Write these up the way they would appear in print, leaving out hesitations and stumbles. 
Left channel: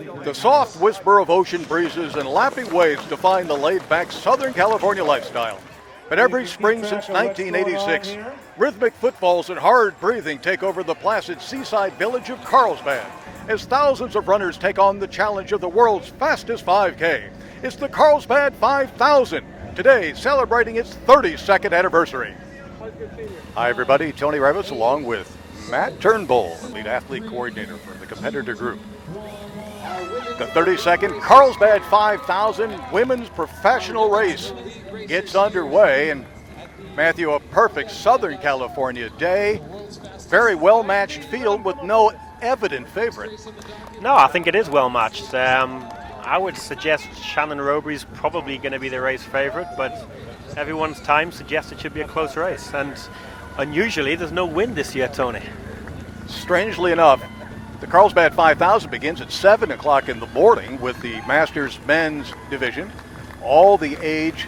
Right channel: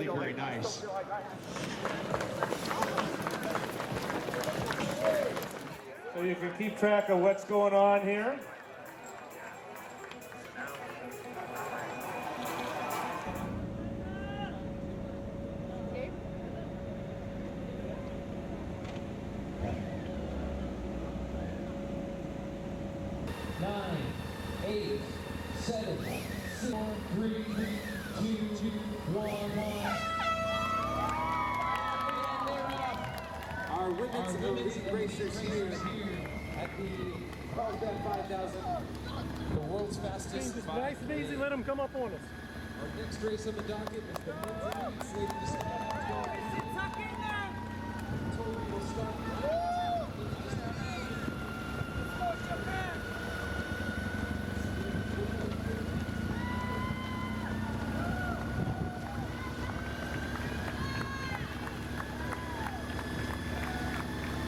The soft whisper of ocean breezes and lapping waves define the laid-back Southern California lifestyle. But every spring since 1986, rhythmic footfalls and hard breathing take over the placid seaside village of Carlsbad as thousands of runners take on the challenge of the world's fastest 5K. It's the Carlsbad 5000, today celebrating its 32nd anniversary. Hi everybody, Tony Revis along with Matt Turnbull, lead athlete coordinator for the Competitor Group. The 32nd Carlsbad 5000 women's professional race gets underway, and Matthew, a perfect Southern California day, very well-matched field with no evident favorite. No, I think it is well-matched. I would suggest Shannon Roby's probably going to be the race favorite, but everyone's time suggests it should be a close race, and unusually there's no wind this year, Tony. Strangely enough, the Carlsbad 5000 begins at 7 o'clock in the morning with the Masters men's division. All the age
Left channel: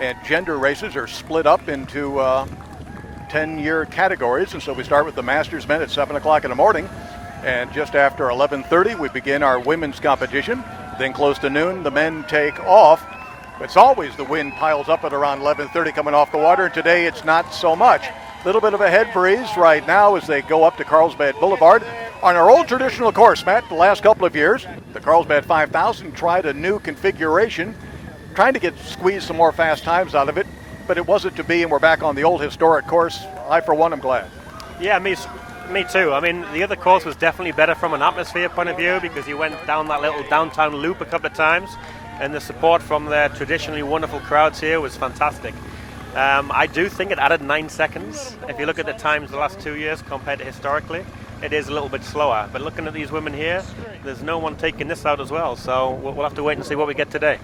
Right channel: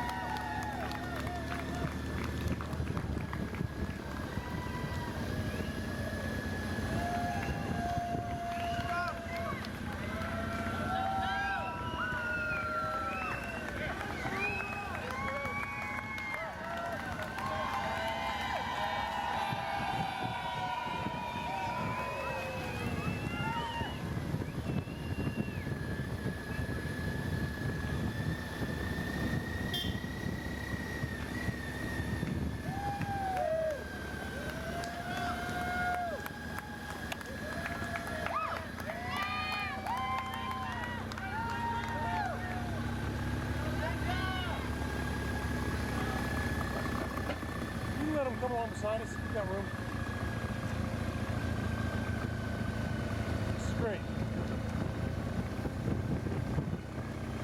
and gender races are split up into 10-year categories, and so we start with the Masters men at 7 o'clock in the morning, and just after 11:30 we begin our women's competition. Then close to noon the men take off. It's always the wind piles up at around 11:30 coming off the water, and today it's not so much. Little bit of a head breeze right now as they go up to Carlsbad Boulevard. On our old traditional course, Matt, the last couple of years, the Carlsbad 5000 tried a new configuration, trying to squeeze some more fast times out of it, but it wasn't to be, and we're back on the old historic course. I, for one, am glad. Yeah, me too. I mean, the other course was definitely better from an atmosphere point of view because you went down that little downtown loop a couple of times, and the support from the traditionally wonderful crowds here was fantastic. I do think it added 9 seconds. If you look at the times the last 2 years compared to historically, it is a little bit slower. But looking at these women here, there's no one taking this out as well. So we'll have to wait and see what we get today.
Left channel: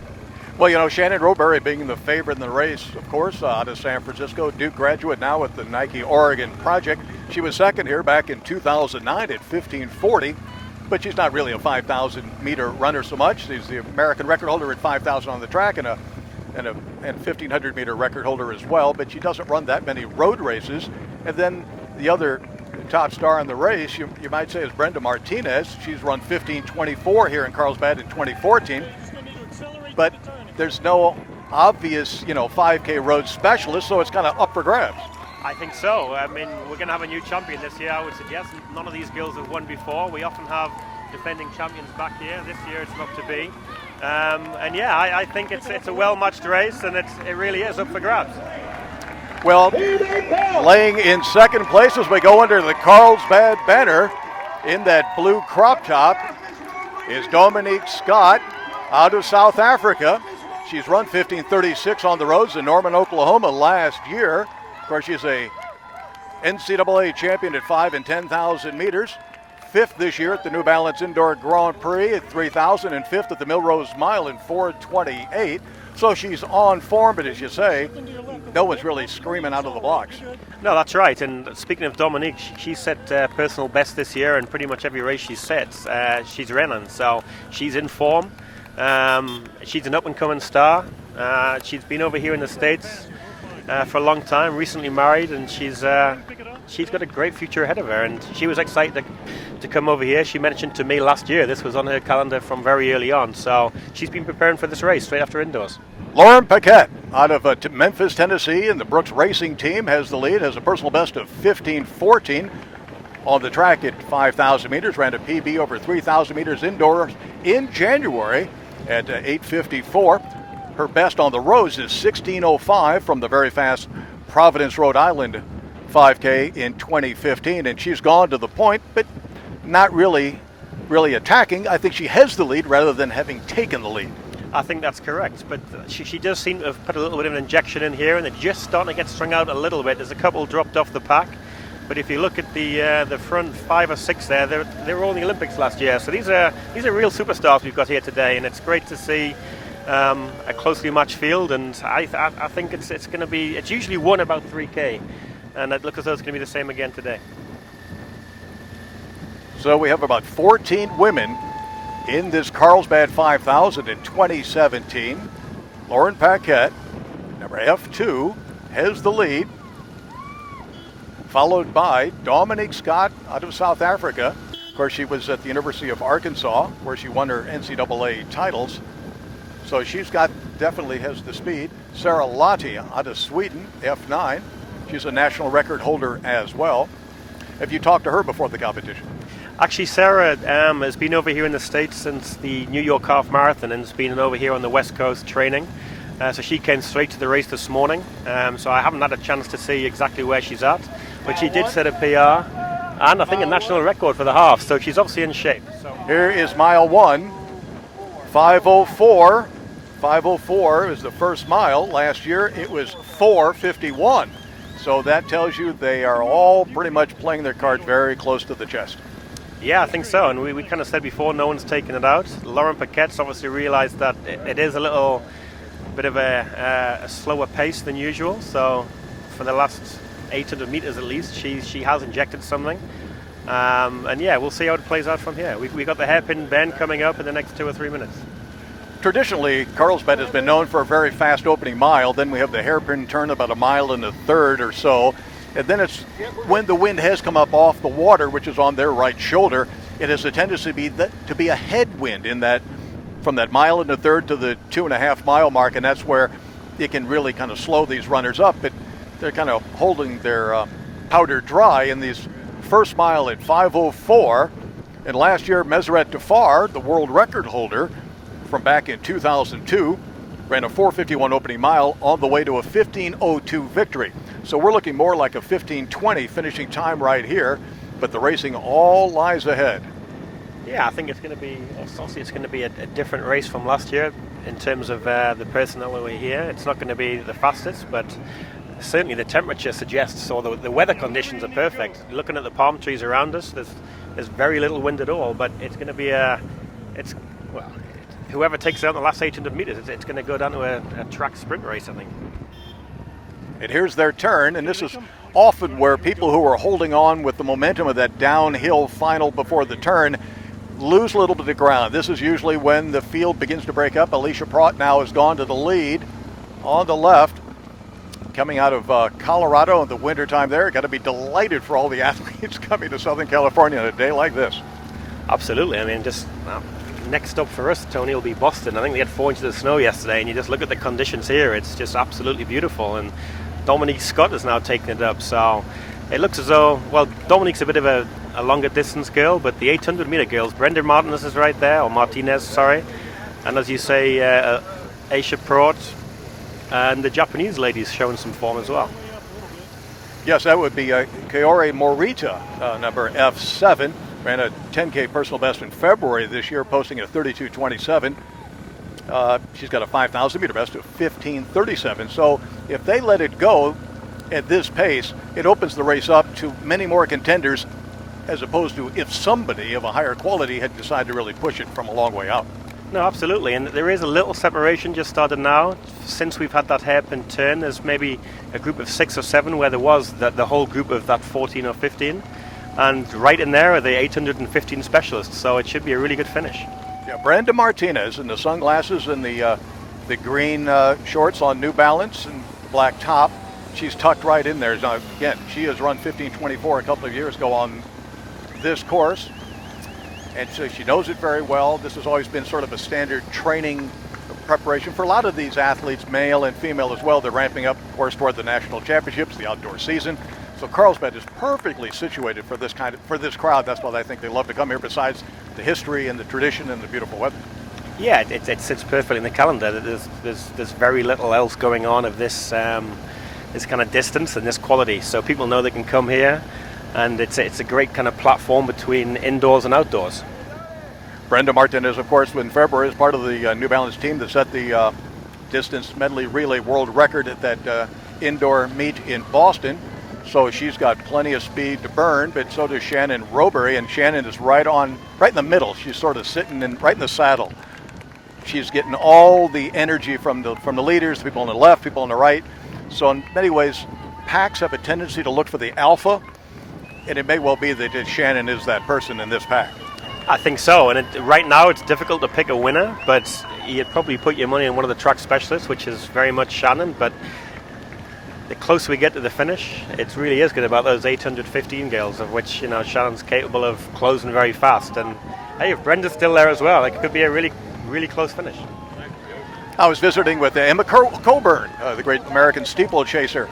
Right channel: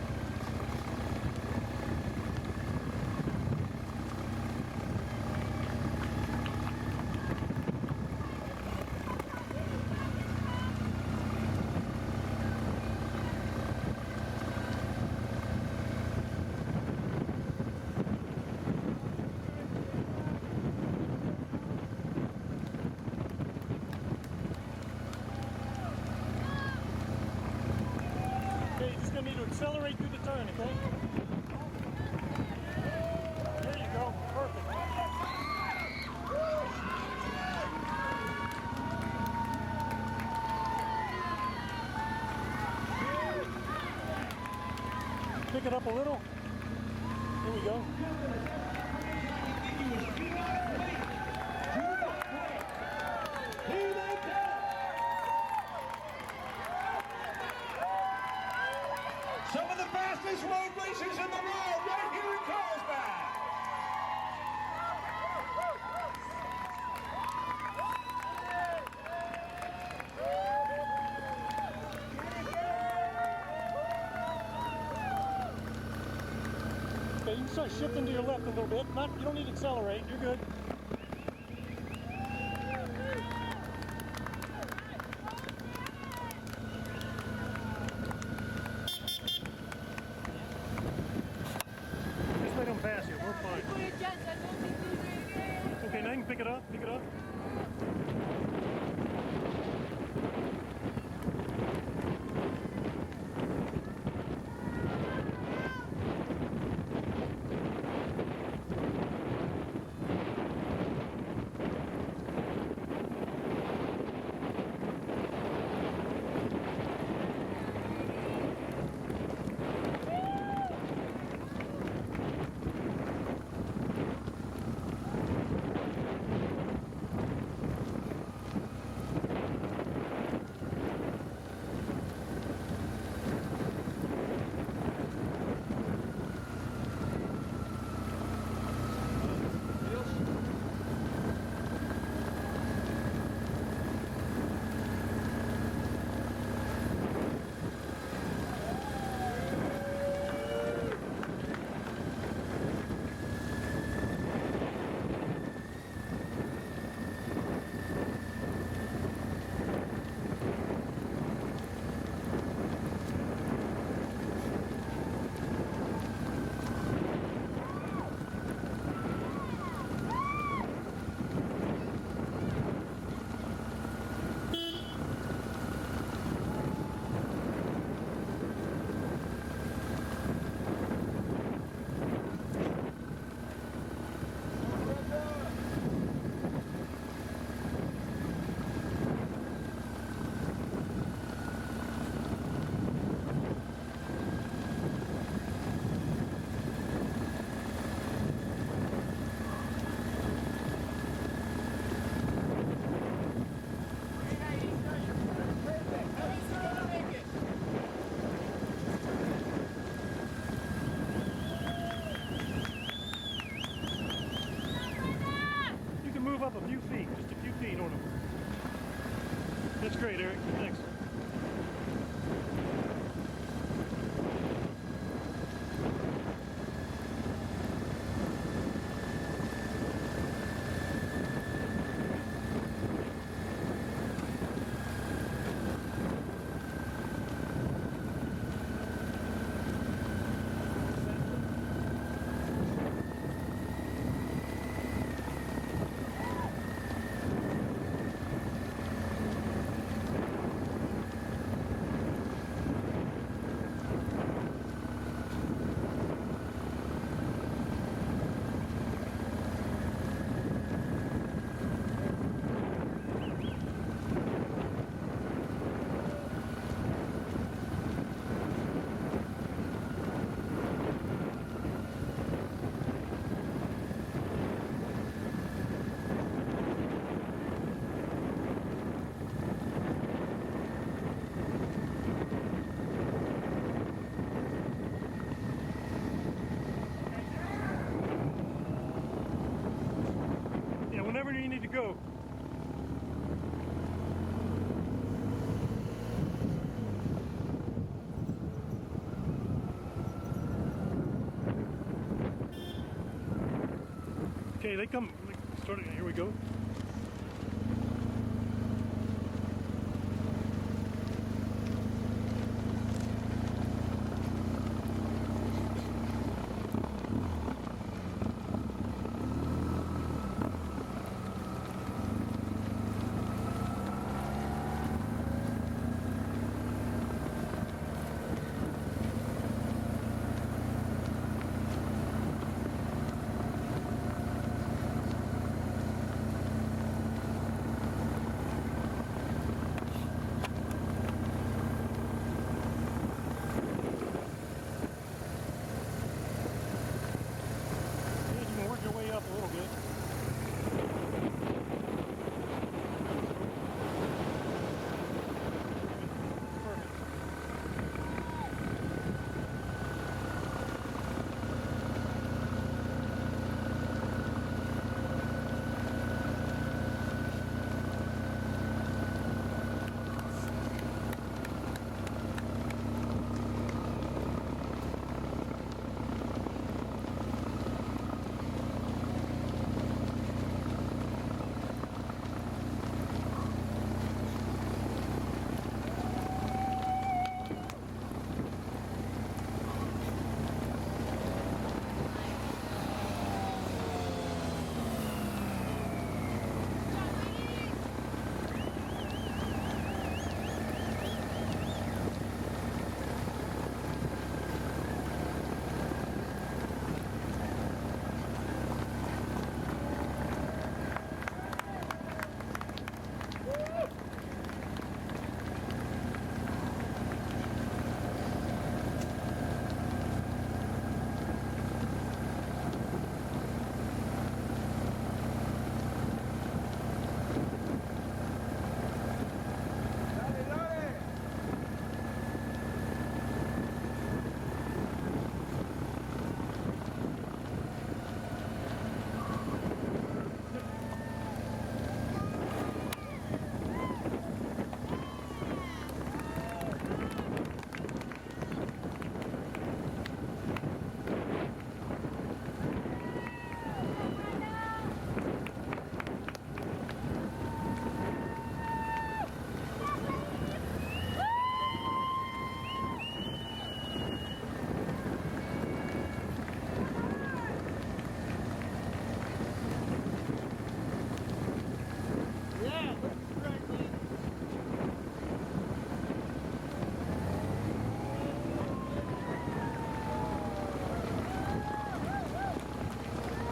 Well, you know, Shannon Roberry being the favorite in the race, of course, out of San Francisco, Duke graduate now with the Nike Oregon Project. She was second here back in 2009 at 15:40, but she's not really a 5,000 meter runner so much. She's the American record holder at 5,000 on the track and a 1,500 meter record holder as well, but she doesn't run that many road races. And then the other top star in the race, you might say, is Brenda Martinez. She's run 15:24 here in Carlsbad in 2014, but there's no obvious, 5K road specialist, so it's kind of up for grabs. I think so. I mean, we're going to have a new champion this year, I would suggest. None of these girls have won before. We often have defending champions back here. This year it's not to be. And yeah, I think it's a well-matched race, and it really is up for grabs. Well, laying in second place as we go under the Carlsbad banner in that blue crop top is Dominique Scott out of South Africa. She's run 15:36 on the roads in Norman, Oklahoma last year. Of course, she's a NCAA champion at 5 and 10,000 meters. Fifth this year at the New Balance Indoor Grand Prix at 3,000 and fifth at the Millrose Mile in 4:28. So she's on form, but as you say, no one's really screaming out of the blocks. No, that's right. And speaking of Dominique, she set personal best this year, and pretty much every race she sets, she's running. So she's in form. She's an up-and-coming star. She's been over here in the States for a long time, recently married, and she's got a great future ahead of her, and she was excited to come over here. She mentioned to me last year this was on her calendar from very early on, so she's been preparing for this race straight after indoors. Lauren Paquette out of Memphis, Tennessee, and the Brooks Racing Team has the lead, has a personal best of 15:14 on the track at 5,000 meters, ran a PB over 3,000 meters indoors in January at 8:54. Her best on the roads is 16:05 from the very fast Providence, Rhode Island 5K in 2015, and she's gone to the point, but not really attacking. I think she has the lead rather than having taken the lead. I think that's correct, but she does seem to have put a little bit of an injection in here, and they're just starting to get strung out a little bit. There's a couple dropped off the pack, but if you look at the front 5 or 6 there, they were all in the Olympics last year. So these are real superstars we've got here today, and it's great to see a closely matched field. And I think it's usually won about 3K, and it looks as though it's going to be the same again today. So we have about 14 women in this Carlsbad 5000 in 2017. Lauren Paquette, number F2, has the lead, followed by Dominique Scott out of South Africa, course, she was at the University of Arkansas, where she won her NCAA titles. So she's definitely has the speed. Sarah Lahti out of Sweden, F9. She's a national record holder as well. Have you talked to her before the competition? Actually, Sarah has been over here in the States since the New York Half Marathon and has been over here on the West Coast training. So she came straight to the race this morning. So I haven't had a chance to see exactly where she's at. But she did set a PR and I think a national record for the half. So she's obviously in shape. Here is mile 1, 5:04. 5:04 is the first mile. Last year it was 4:51. So that tells you they are all pretty much playing their card very close to the chest. Yeah, I think so. And we kind of said before, no one's taken it out. Lauren Paquette's obviously realized that it is a little bit of a slower pace than usual. So for the last 800 meters at least, she has injected something. And yeah, we'll see how it plays out from here. We've got the hairpin bend coming up in the next 2 or 3 minutes. Traditionally, Carlsbad has been known for a very fast opening mile. Then we have the hairpin turn about 1.1 miles or so. And then it's when the wind has come up off the water, which is on their right shoulder, it has a tendency to be a headwind in that from that 1.1 miles to the 2.5 mile mark. And that's where it can really kind of slow these runners up. But they're kind of holding their powder dry in these first mile at 5:04. And last year, Meseret Tafar, the world record holder, from back in 2002, ran a 4:51 opening mile on the way to a 15:02 victory. So we're looking more like a 15:20 finishing time right here, but the racing all lies ahead. Yeah, I think it's going to be a different race from last year in terms of the personnel over here. It's not going to be the fastest, but certainly the temperature suggests, or the weather conditions are perfect. Looking at the palm trees around us, there's very little wind at all, but it's going to be whoever takes out the last 800 meters, it's going to go down to a track sprint race, I think. And here's their turn, and this is often where people who are holding on with the momentum of that downhill final before the turn lose a little bit of ground. This is usually when the field begins to break up. Alicia Pratt now has gone to the lead on the left, coming out of Colorado in the wintertime there. Got to be delighted for all the athletes coming to Southern California on a day like this. Absolutely. I mean, next stop for us, Tony, will be Boston. I think they had 4 inches of snow yesterday, and you just look at the conditions here. It's just absolutely beautiful. And Dominique Scott has now taken it up. So it looks as though, well, Dominique's a bit of a longer distance girl, but the 800 meter girls, Brenda Martinez is right there, or Martinez, sorry. And as you say, Aisha Pratt and the Japanese ladies showing some form as well. Yes, that would be Kaori Morita, number F7. Ran a 10K personal best in February this year, posting a 32:27. She's got a 5,000 meter best of 15:37. So if they let it go at this pace, it opens the race up to many more contenders, as opposed to if somebody of a higher quality had decided to really push it from a long way out. No, absolutely, and there is a little separation just started now. Since we've had that hairpin turn, there's maybe a group of 6 or 7 where there was the whole group of that 14 or 15. And right in there are the 815 specialists, so it should be a really good finish. Yeah, Brenda Martinez in the sunglasses and the green shorts on New Balance and black top. She's tucked right in there. Now, again, she has run 15:24 a couple of years ago on this course, and so she knows it very well. This has always been sort of a standard training preparation for a lot of these athletes, male and female as well. They're ramping up, of course, toward the national championships, the outdoor season. So Carlsbad is perfectly situated for this crowd. That's why I think they love to come here, besides the history and the tradition and the beautiful weather. Yeah, it sits perfectly in the calendar. There's very little else going on of this kind of distance and this quality. So people know they can come here, and it's a great kind of platform between indoors and outdoors. Brenda Martinez, of course, in February is part of the New Balance team that set the distance medley relay world record at that indoor meet in Boston. So she's got plenty of speed to burn, but so does Shannon Robury, and Shannon is right in the middle. She's sort of sitting right in the saddle. She's getting all the energy from the leaders, the people on the left, people on the right. So in many ways, packs have a tendency to look for the alpha, and it may well be that Shannon is that person in this pack. I think so, and right now it's difficult to pick a winner, but you'd probably put your money on one of the track specialists, which is very much Shannon, but the closer we get to the finish, it really is good about those 815 girls, of which Shannon's capable of closing very fast. And hey, if Brenda's still there as well, it could be a really, really close finish. I was visiting with Emma Coburn, the great American steeplechaser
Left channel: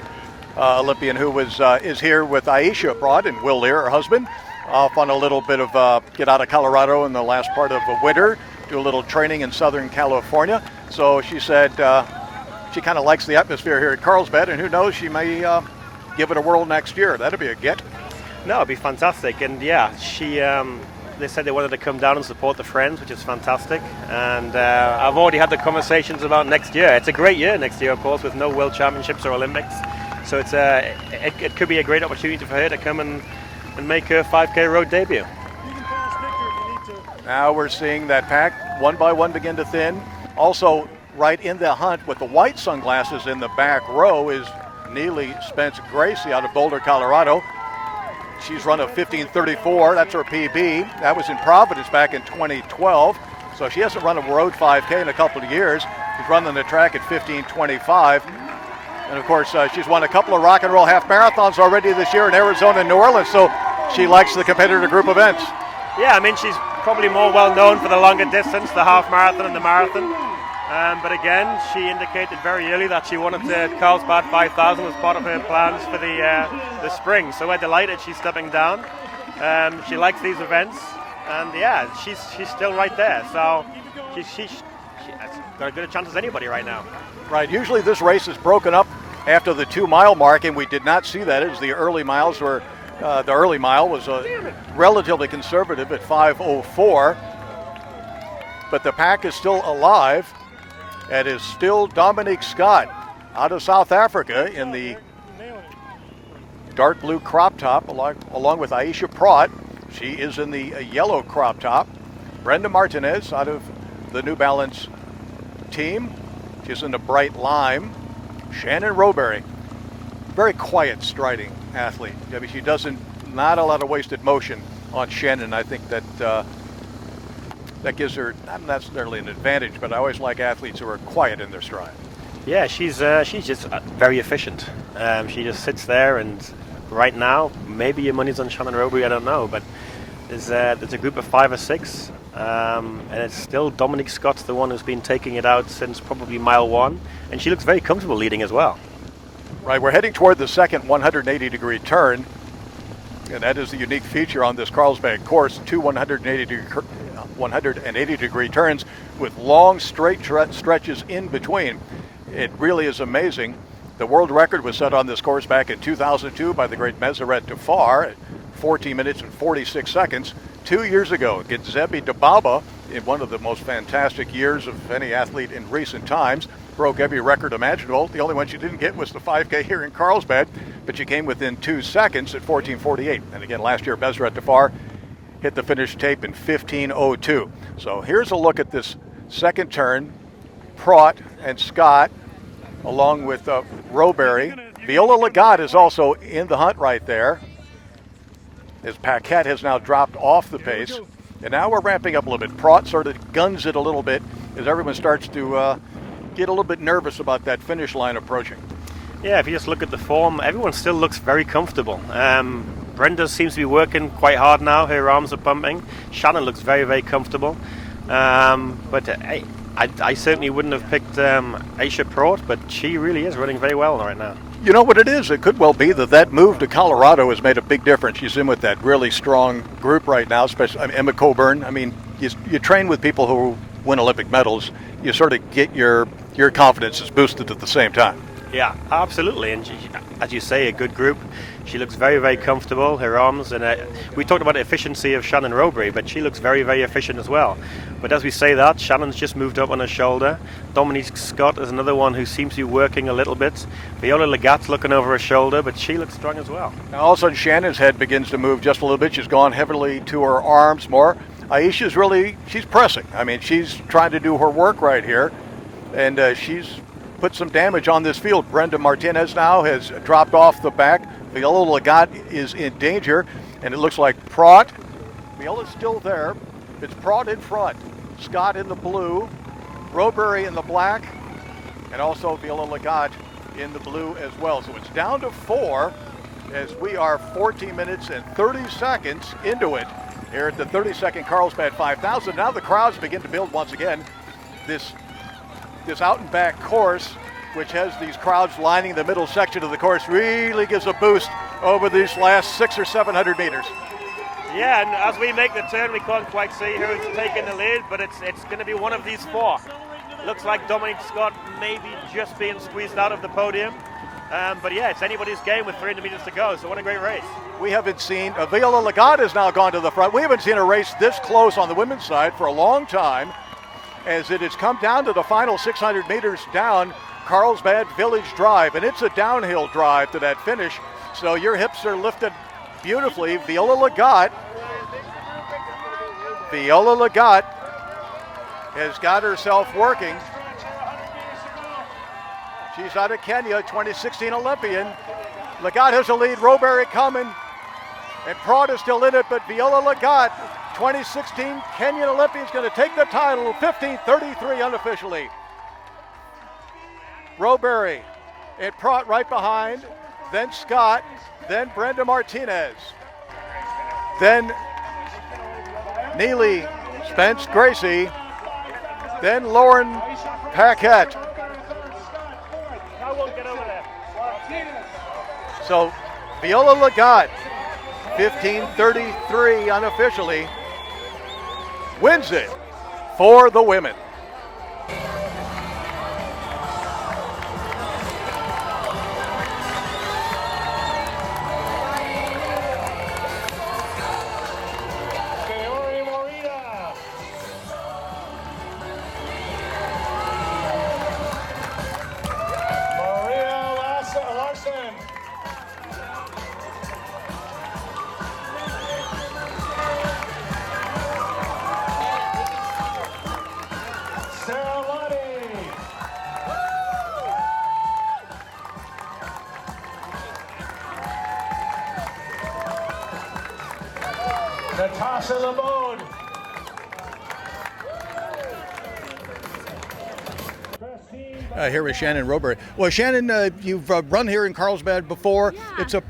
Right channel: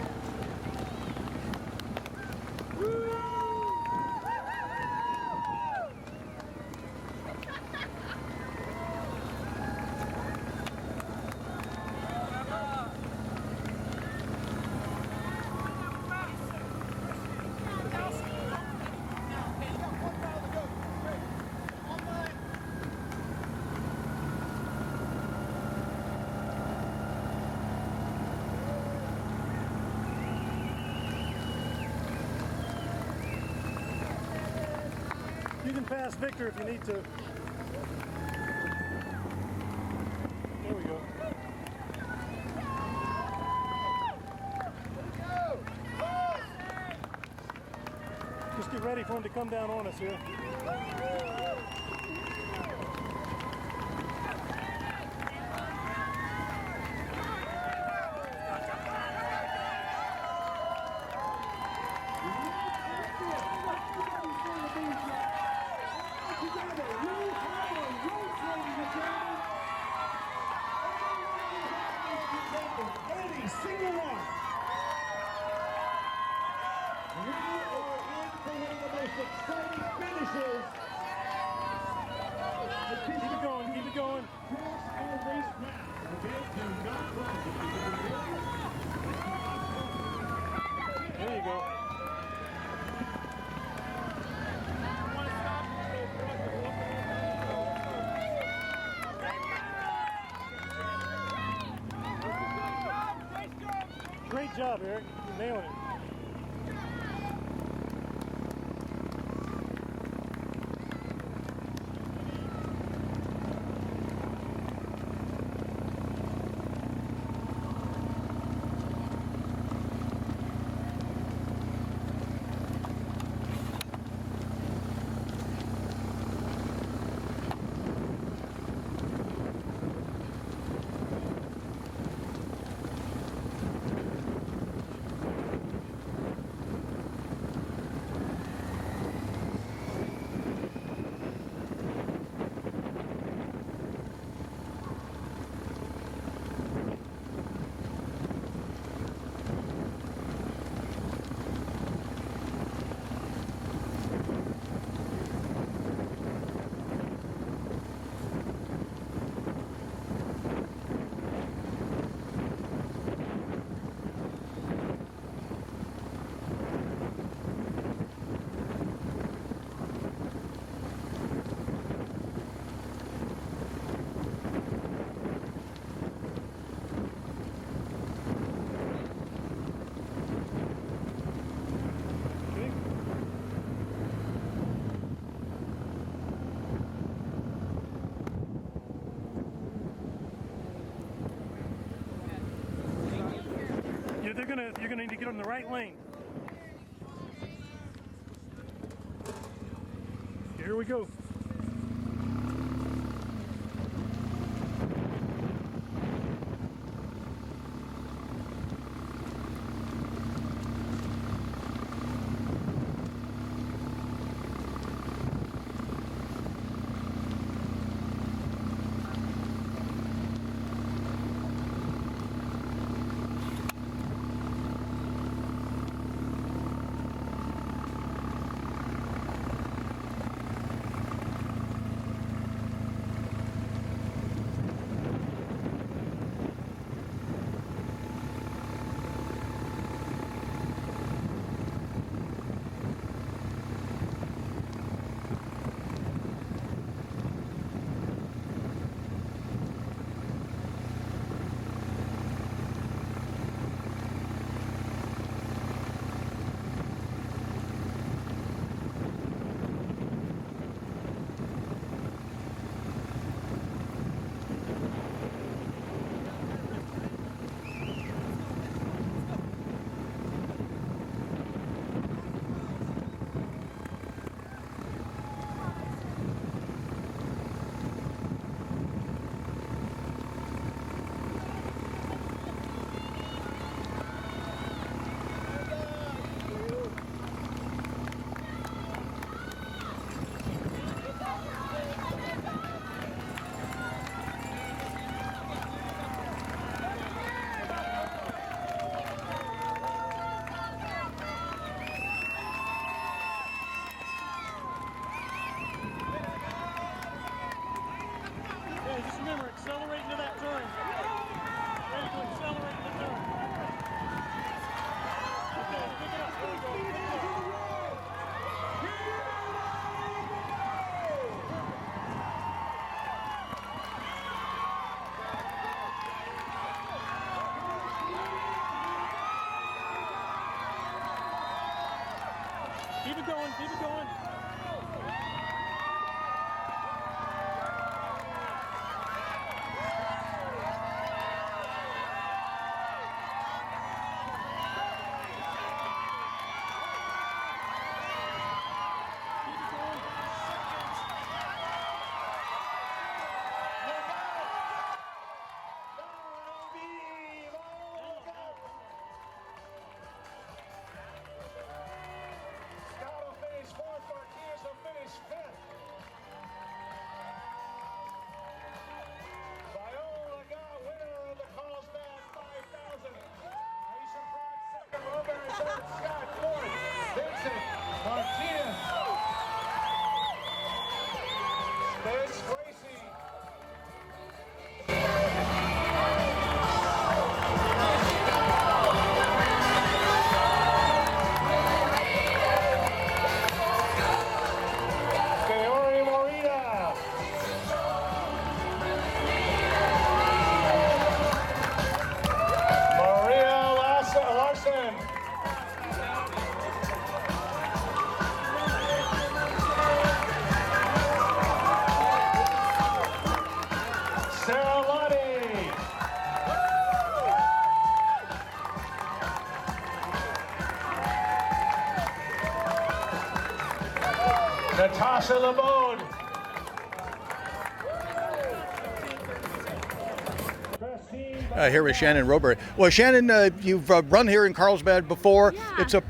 Olympian, who is here with Aisha abroad and Will Lear, her husband, off on a little bit of get out of Colorado in the last part of the winter, do a little training in Southern California. So she said she kind of likes the atmosphere here at Carlsbad, and who knows, she may give it a whirl next year. That'd be a get. No, it'd be fantastic. And yeah, they said they wanted to come down and support the Friends, which is fantastic. And I've already had the conversations about next year. It's a great year next year, of course, with no World Championships or Olympics. So it could be a great opportunity for her to come and make her 5K road debut. You can pass Victor if you need to. Now we're seeing that pack one by one begin to thin. Also, right in the hunt with the white sunglasses in the back row is Neely Spence Gracie out of Boulder, Colorado. She's run a 15:34. That's her PB. That was in Providence back in 2012. So she hasn't run a road 5K in a couple of years. She's running the track at 15:25. And of course, she's won a couple of rock and roll half marathons already this year in Arizona and New Orleans. So she likes the competitor group events. Yeah, I mean, she's probably more well known for the longer distance, the half marathon and the marathon. But again, she indicated very early that she wanted the Carlsbad 5000 as part of her plans for the spring. So we're delighted she's stepping down. She likes these events, and yeah, she's still right there. So she's got as good a chance as anybody right now. Right. Usually this race is broken up after the 2 mile mark, and we did not see that as the early miles were. The early mile was relatively conservative at 5:04, but the pack is still alive. And is still Dominique Scott out of South Africa in the dark blue crop top, along with Aisha Pratt. She is in the yellow crop top. Brenda Martinez out of the New Balance team. She's in the bright lime. Shannon Roberry, very quiet striding athlete. I mean, she not a lot of wasted motion on Shannon. I think that that gives her not necessarily an advantage, but I always like athletes who are quiet in their stride. Yeah, she's just very efficient. She just sits there, and right now, maybe your money's on Shannon Roberry, I don't know, but there's a group of 5 or 6, and it's still Dominique Scott's the one who's been taking it out since probably mile 1, and she looks very comfortable leading as well. Right, we're heading toward the second 180-degree turn, and that is the unique feature on this Carlsbad course, 2 180-degree turns with long straight stretches in between. It really is amazing. The world record was set on this course back in 2002 by the great Meseret Dafar at 14 minutes and 46 seconds. 2 years ago, Gitzebi Dababa, in one of the most fantastic years of any athlete in recent times, broke every record imaginable. The only one she didn't get was the 5K here in Carlsbad, but she came within 2 seconds at 14:48. And again, last year, Meseret Dafar hit the finish tape in 15:02. So here's a look at this second turn. Pratt and Scott, along with Roberry. Viola Lagat is also in the hunt right there, as Paquette has now dropped off the pace. And now we're ramping up a little bit. Pratt sort of guns it a little bit as everyone starts to get a little bit nervous about that finish line approaching. Yeah, if you just look at the form, everyone still looks very comfortable. Brenda seems to be working quite hard now. Her arms are pumping. Shannon looks very, very comfortable. But I certainly wouldn't have picked Aisha Pratt, but she really is running very well right now. You know what it is? It could well be that move to Colorado has made a big difference. She's in with that really strong group right now, especially Emma Coburn. I mean, you train with people who win Olympic medals. You sort of get your confidence is boosted at the same time. Yeah, absolutely. And as you say, a good group. She looks very, very comfortable, her arms, and we talked about the efficiency of Shannon Roberry, but she looks very, very efficient as well. But as we say that, Shannon's just moved up on her shoulder. Dominique Scott is another one who seems to be working a little bit. Viola Lagat's looking over her shoulder, but she looks strong as well. Now, all of a sudden, Shannon's head begins to move just a little bit. She's gone heavily to her arms more. Aisha's she's pressing. I mean, she's trying to do her work right here, and she's put some damage on this field. Brenda Martinez now has dropped off the back. Viola Lagat is in danger, and it looks like Pratt. Viola's still there. It's Pratt in front. Scott in the blue, Roberry in the black, and also Viola Lagat in the blue as well. So it's down to 4 as we are 14 minutes and 30 seconds into it here at the 32nd Carlsbad 5000. Now the crowds begin to build once again. This out and back course, which has these crowds lining the middle section of the course, really gives a boost over these last 600 or 700 meters. Yeah, and as we make the turn, we can't quite see who's taking the lead, but it's going to be one of these 4. Looks like Dominic Scott maybe just being squeezed out of the podium. But yeah, it's anybody's game with 300 meters to go, so what a great race. We haven't seen, Viola Lagat has now gone to the front. We haven't seen a race this close on the women's side for a long time, as it has come down to the final 600 meters down Carlsbad Village Drive, and it's a downhill drive to that finish, so your hips are lifted beautifully. Viola Lagat has got herself working. She's out of Kenya, 2016 Olympian. Lagat has a lead, Roberry coming, and Pratt is still in it, but Viola Lagat, 2016 Kenyan Olympian, is going to take the title, 15:33 unofficially. Roberry and Pratt right behind, then Scott, then Brenda Martinez, then Neely Spence Gracie, then Lauren Paquette. So Viola Lagat, 15:33 unofficially, wins it for the women. Natasha Lamode. Here with Shannon Roberry. Well, Shannon, you've run here in Carlsbad before. Yeah.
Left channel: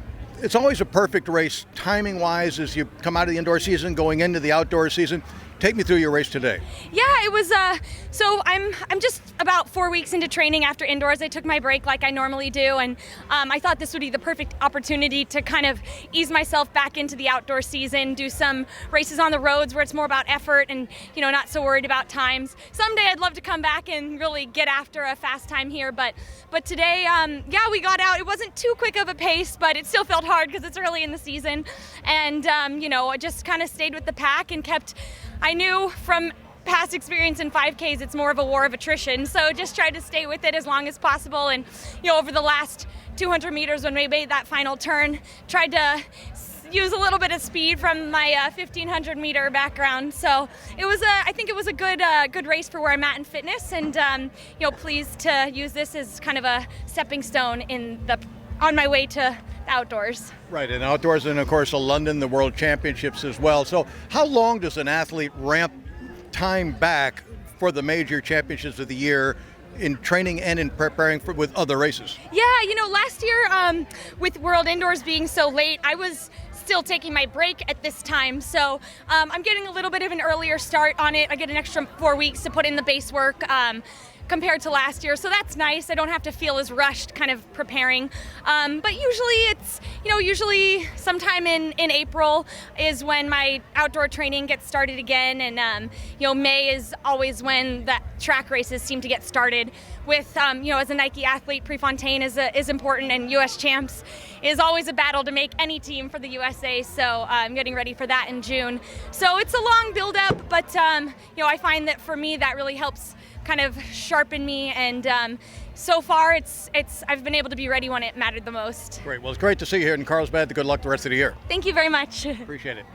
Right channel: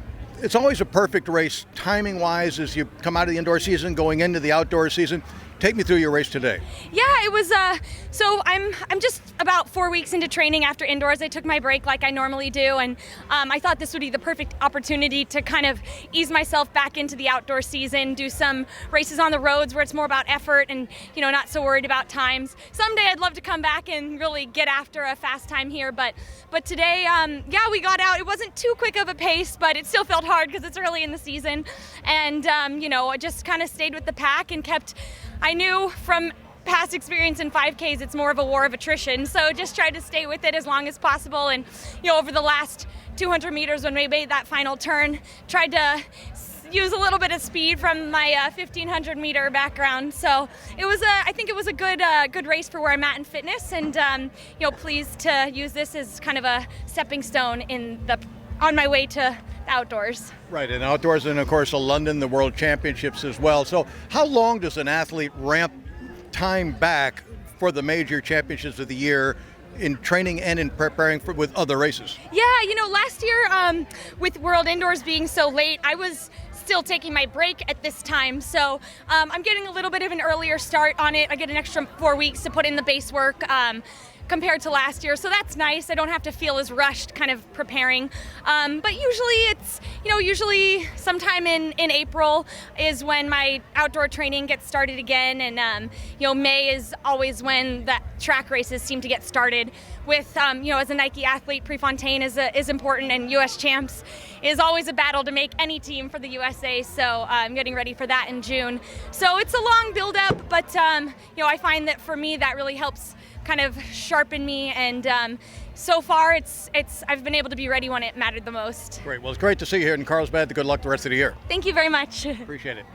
It's always a perfect race, timing-wise, as you come out of the indoor season, going into the outdoor season. Take me through your race today. Yeah, it was, so I'm just about 4 weeks into training after indoors. I took my break like I normally do, and I thought this would be the perfect opportunity to kind of ease myself back into the outdoor season, do some races on the roads where it's more about effort and, you know, not so worried about times. Someday I'd love to come back and really get after a fast time here, but today, yeah, we got out. It wasn't too quick of a pace, but it still felt hard because it's early in the season, and, you know, I just kind of stayed with the pack and I knew from past experience in 5Ks it's more of a war of attrition, so just tried to stay with it as long as possible. And, you know, over the last 200 meters when we made that final turn, tried to use a little bit of speed from my 1500 meter background. So it was I think it was a good race for where I'm at in fitness, and you know, pleased to use this as kind of a stepping stone on my way to the outdoors. Right, and outdoors, and of course London, the World Championships as well. So how long does an athlete ramp time back for the major championships of the year in training and in preparing with other races? Yeah, you know, last year with World Indoors being so late, I was still taking my break at this time, so I'm getting a little bit of an earlier start on it. I get an extra 4 weeks to put in the base work compared to last year, so that's nice. I don't have to feel as rushed kind of preparing, but usually it's, you know, usually sometime in April is when my outdoor training gets started again, and you know, May is always when the track races seem to get started with, you know, as a Nike athlete, Prefontaine is important, and US Champs is always a battle to make any team for the USA, so I'm getting ready for that in June. So it's a long build up, but you know, I find that for me that really helps kind of sharpen me, and so far I've been able to be ready when it mattered the most. Great. Well, it's great to see you here in Carlsbad. Good luck the rest of the year. Thank you very much. Appreciate it.